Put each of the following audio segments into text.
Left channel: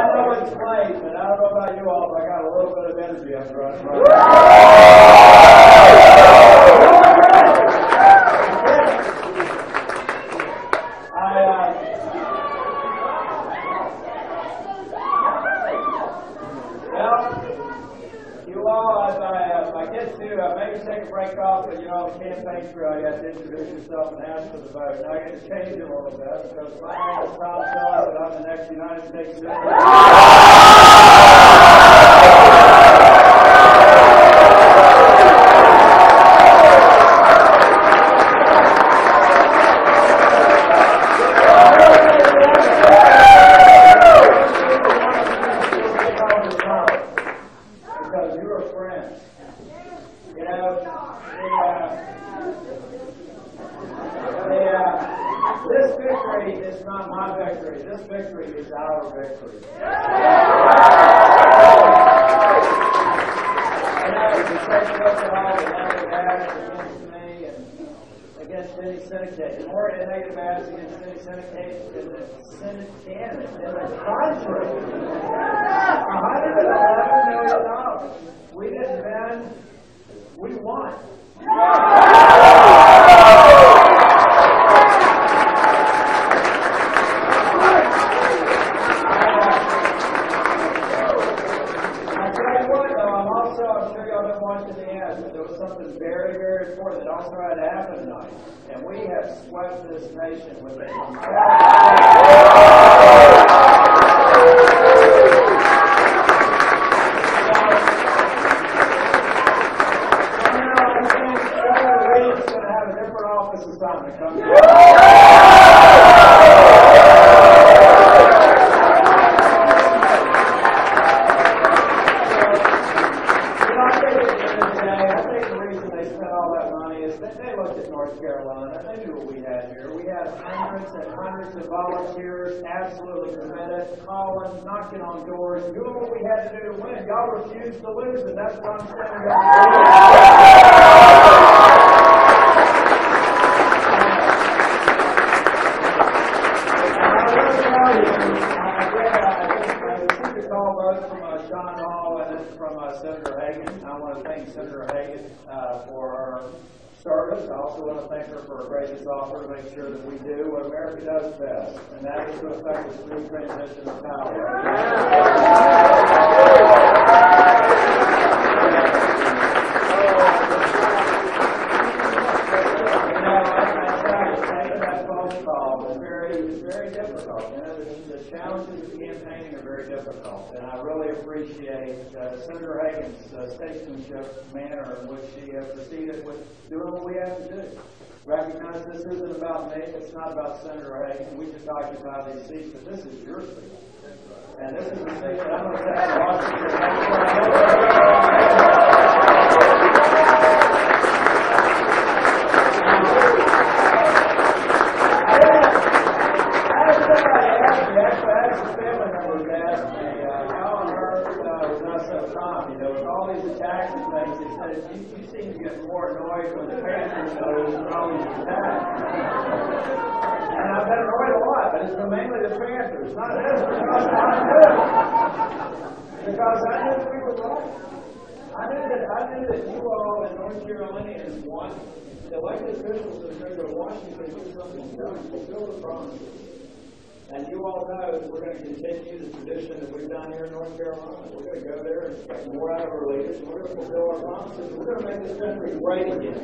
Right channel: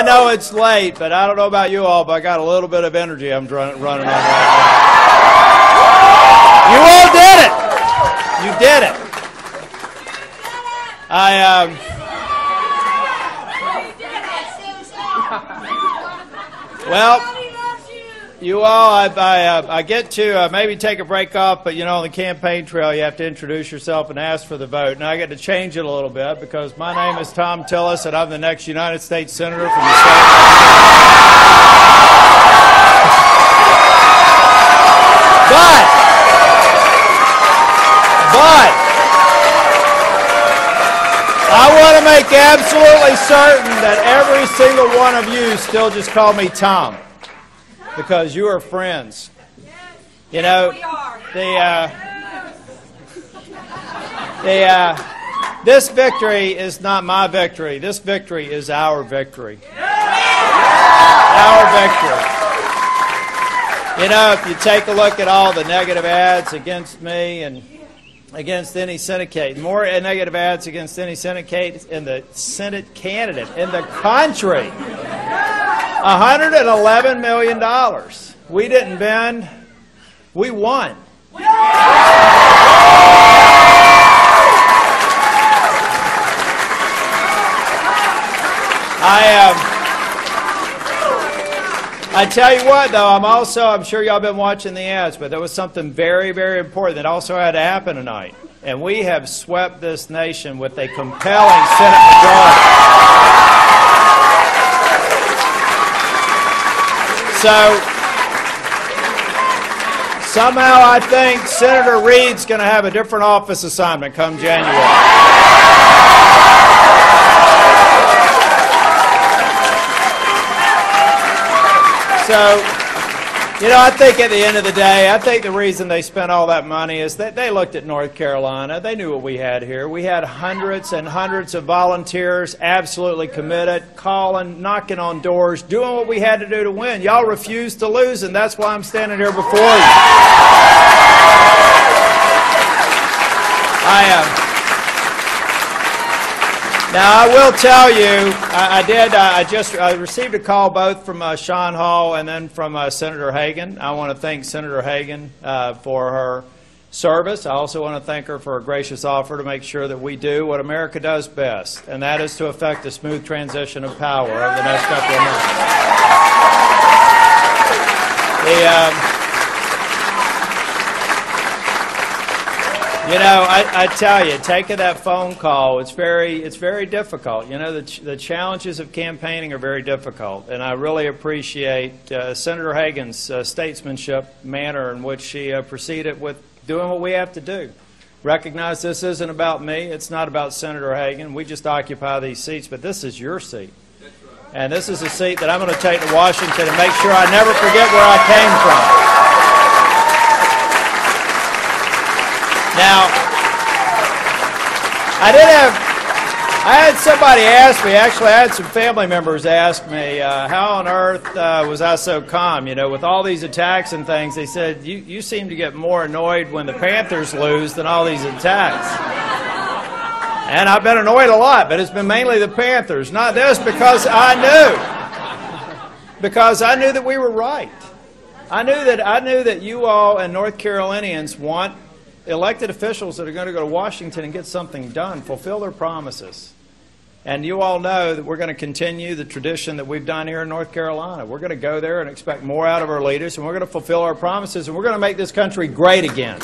I know it's late, but I don't know about you all, but I got a little bit of energy I'm running around. You all did it. You did it. Well, you all, I get to maybe take a break off, but you know, on the campaign trail, you have to introduce yourself and ask for the vote. Now I get to change it a little bit because my name is Thom Tillis, and I'm the next United States Senator from the state. But I want to make absolutely certain that every single one of you still just call me Thom, because you are friends. You know, this victory is not my victory. This victory is our victory. Our victory. You know, if you take a look at all the negative ads against me and against any Senate, more negative ads against any Senate candidate in the country. $111 million. We didn't bend. We won. I tell you what, though, I'm sure y'all been watching the ads, but there was something very, very important that also had to happen tonight. And we have swept this nation with a compelling Senate bill. So, somehow I think Senator Reid's going to have a different office assignment come January. So, you know, I think at the end of the day, I think the reason they spent all that money is that they looked at North Carolina. They knew what we had here. We had hundreds and hundreds of volunteers, absolutely committed, calling, knocking on doors, doing what we had to do to win. Y'all refused to lose, and that's why I'm standing here before you. Now, I will tell you, I received a call both from Sean Hall and then from Senator Hagan. I want to thank Senator Hagan for her service. I also want to thank her for a gracious offer to make sure that we do what America does best, and that is to effect a smooth transition of power over the next couple of years. You know, I tell you, taking that phone call, it's very difficult. You know, the challenges of campaigning are very difficult, and I really appreciate Senator Hagan's statesmanship manner in which she proceeded with doing what we have to do. Recognize this isn't about me. It's not about Senator Hagan. We just occupy these seats, but this is your seat. And this is a seat that I'm going to take to Washington and make sure I never forget where I came from. Now, I had somebody ask me, actually I had some family members ask me, how on earth was I so calm? You know, with all these attacks and things, they said, you seem to get more annoyed when the Panthers lose than all these attacks. And I've been annoyed a lot, but it's been mainly the Panthers, not this, because I knew that we were right. I knew that you all and North Carolinians want elected officials that are going to go to Washington and get something done, fulfill their promises. And you all know that we're going to continue the tradition that we've done here in North Carolina. We're going to go there and expect more out of our leaders, and we're going to fulfill our promises, and we're going to make this country great again.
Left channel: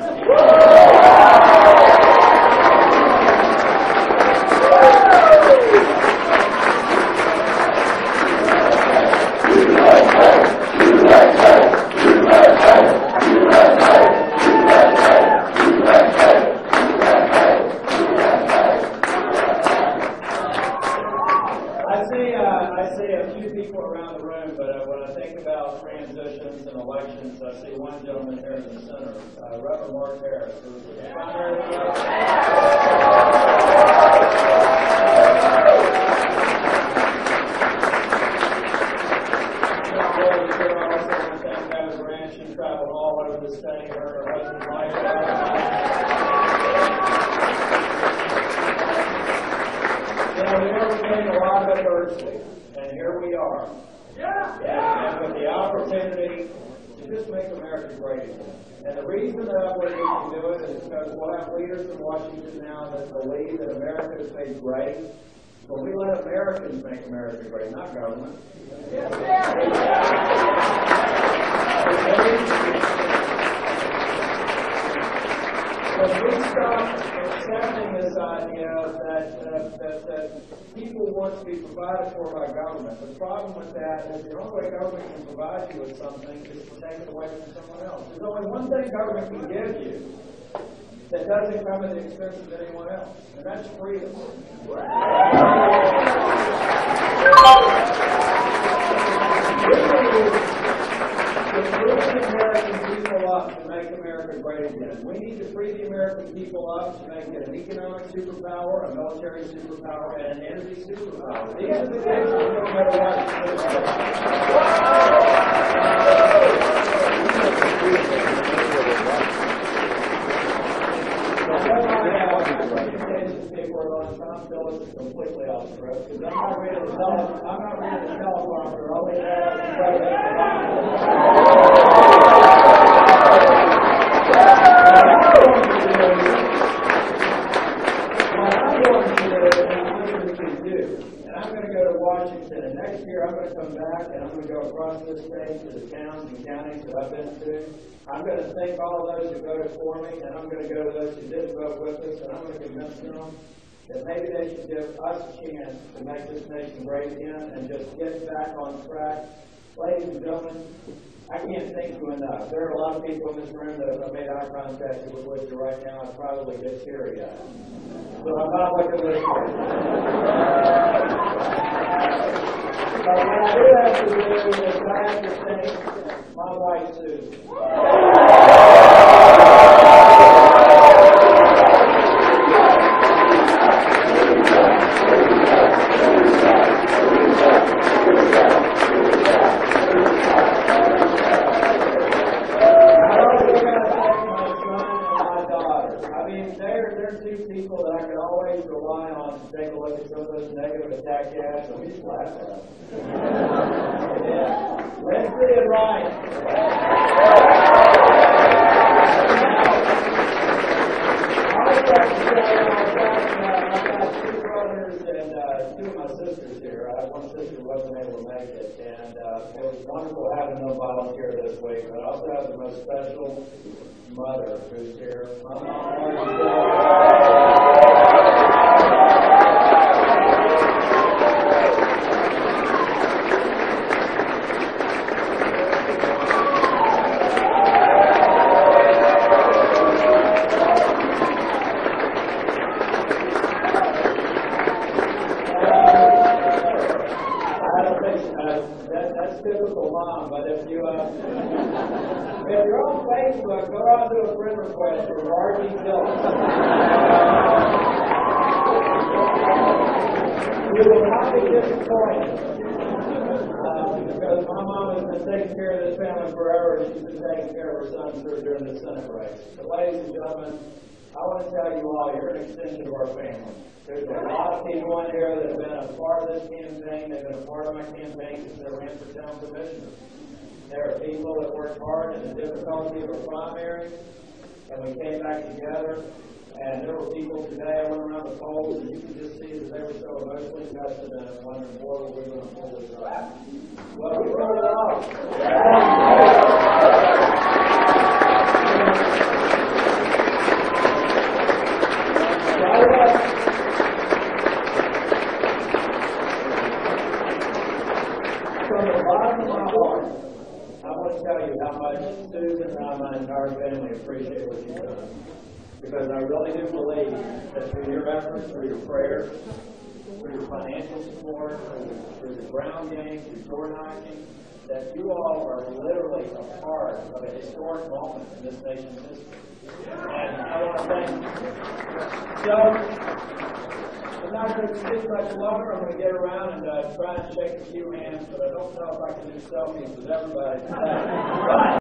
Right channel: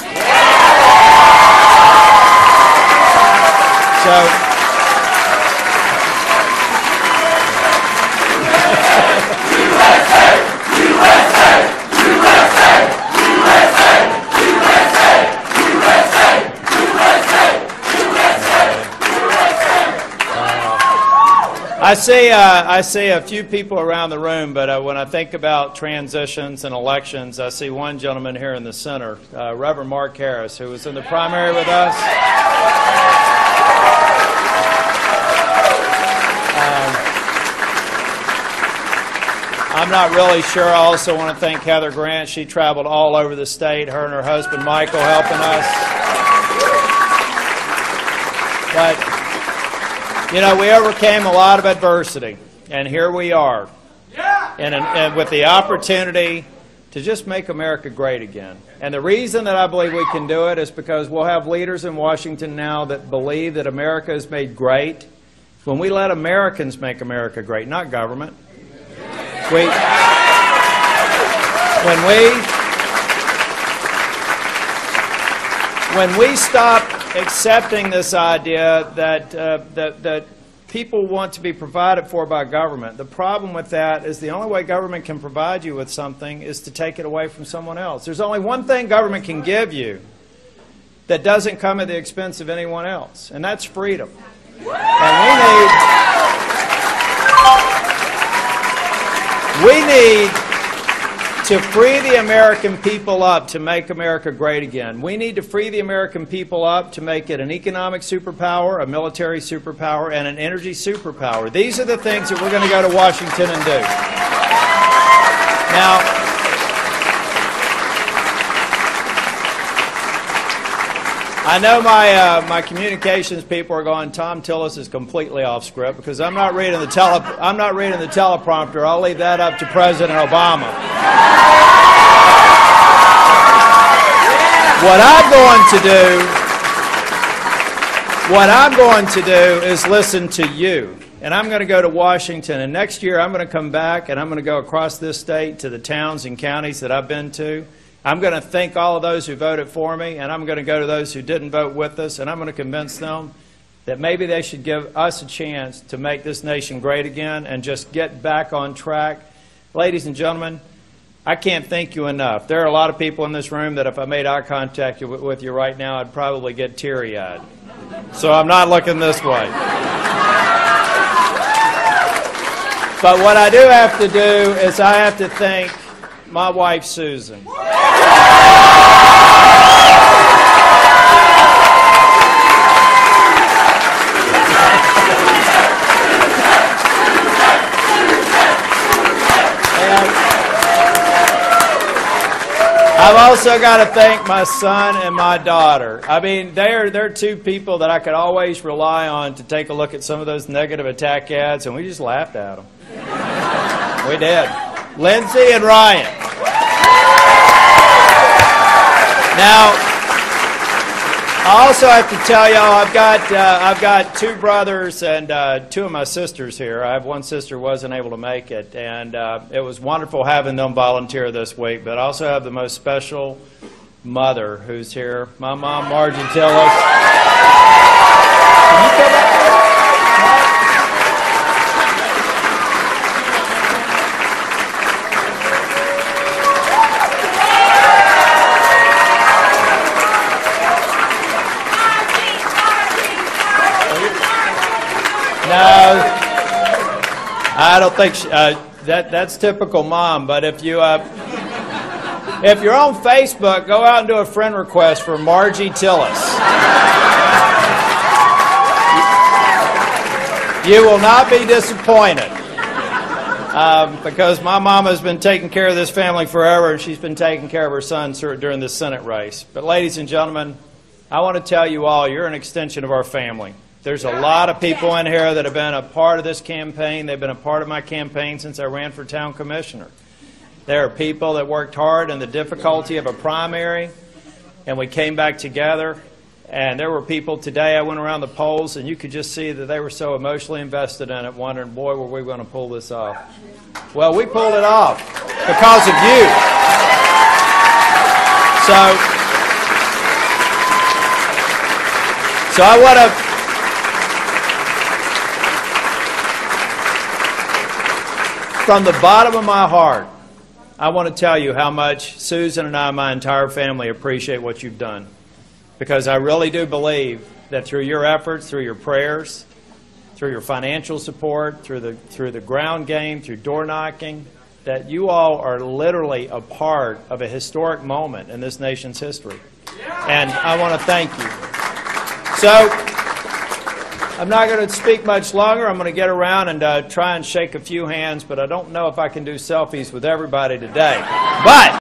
I see a few people around the room, but when I think about transitions and elections, I see one gentleman here in the center, Reverend Mark Harris, who was in the primary with us. I'm not really sure. I also want to thank Heather Grant. She traveled all over the state, her and her husband Michael helping us. But, you know, we overcame a lot of adversity. And here we are, and with the opportunity to just make America great again. And the reason that I believe we can do it is because we'll have leaders in Washington now that believe that America is made great when we let Americans make America great, not government. When we stop accepting this idea that people want to be provided for by government, the problem with that is the only way government can provide you with something is to take it away from someone else. There's only one thing government can give you that doesn't come at the expense of anyone else, and that's freedom. And we need to free the American people up to make America great again. We need to free the American people up to make it an economic superpower, a military superpower, and an energy superpower. These are the things that we're going to go to Washington and do. Now, I know my communications people are going, Thom Tillis is completely off script because I'm not reading the teleprompter. I'll leave that up to President Obama. What I'm going to do is listen to you. And I'm going to go to Washington, and next year I'm going to come back and I'm going to go across this state to the towns and counties that I've been to. I'm going to thank all of those who voted for me, and I'm going to go to those who didn't vote with us, and I'm going to convince them that maybe they should give us a chance to make this nation great again and just get back on track. Ladies and gentlemen, I can't thank you enough. There are a lot of people in this room that if I made eye contact with you right now, I'd probably get teary-eyed. So I'm not looking this way. But what I do have to do is I have to thank my wife, Susan. I've also got to thank my son and my daughter. I mean, they're two people that I could always rely on to take a look at some of those negative attack ads, and we just laughed at them. We did. Lindsay and Ryan. Now, I also have to tell y'all, I've got two brothers and two of my sisters here. I have one sister who wasn't able to make it, and it was wonderful having them volunteer this week. But I also have the most special mother who's here, my mom, Margie Tillis. I don't think that's typical mom. But if you're on Facebook, go out and do a friend request for Margie Tillis. You will not be disappointed because my mama has been taking care of this family forever, and she's been taking care of her son during this Senate race. But ladies and gentlemen, I want to tell you all, you're an extension of our family. There's a lot of people in here that have been a part of this campaign. They've been a part of my campaign since I ran for town commissioner. There are people that worked hard in the difficulty of a primary, and we came back together. And there were people today, I went around the polls, and you could just see that they were so emotionally invested in it, wondering, boy, were we going to pull this off. Well, we pulled it off because of you. So I want to... From the bottom of my heart, I want to tell you how much Susan and I, my entire family, appreciate what you've done. Because I really do believe that through your efforts, through your prayers, through your financial support, through the ground game, through door knocking, that you all are literally a part of a historic moment in this nation's history. And I want to thank you. So, I'm not going to speak much longer. I'm going to get around and try and shake a few hands, but I don't know if I can do selfies with everybody today. But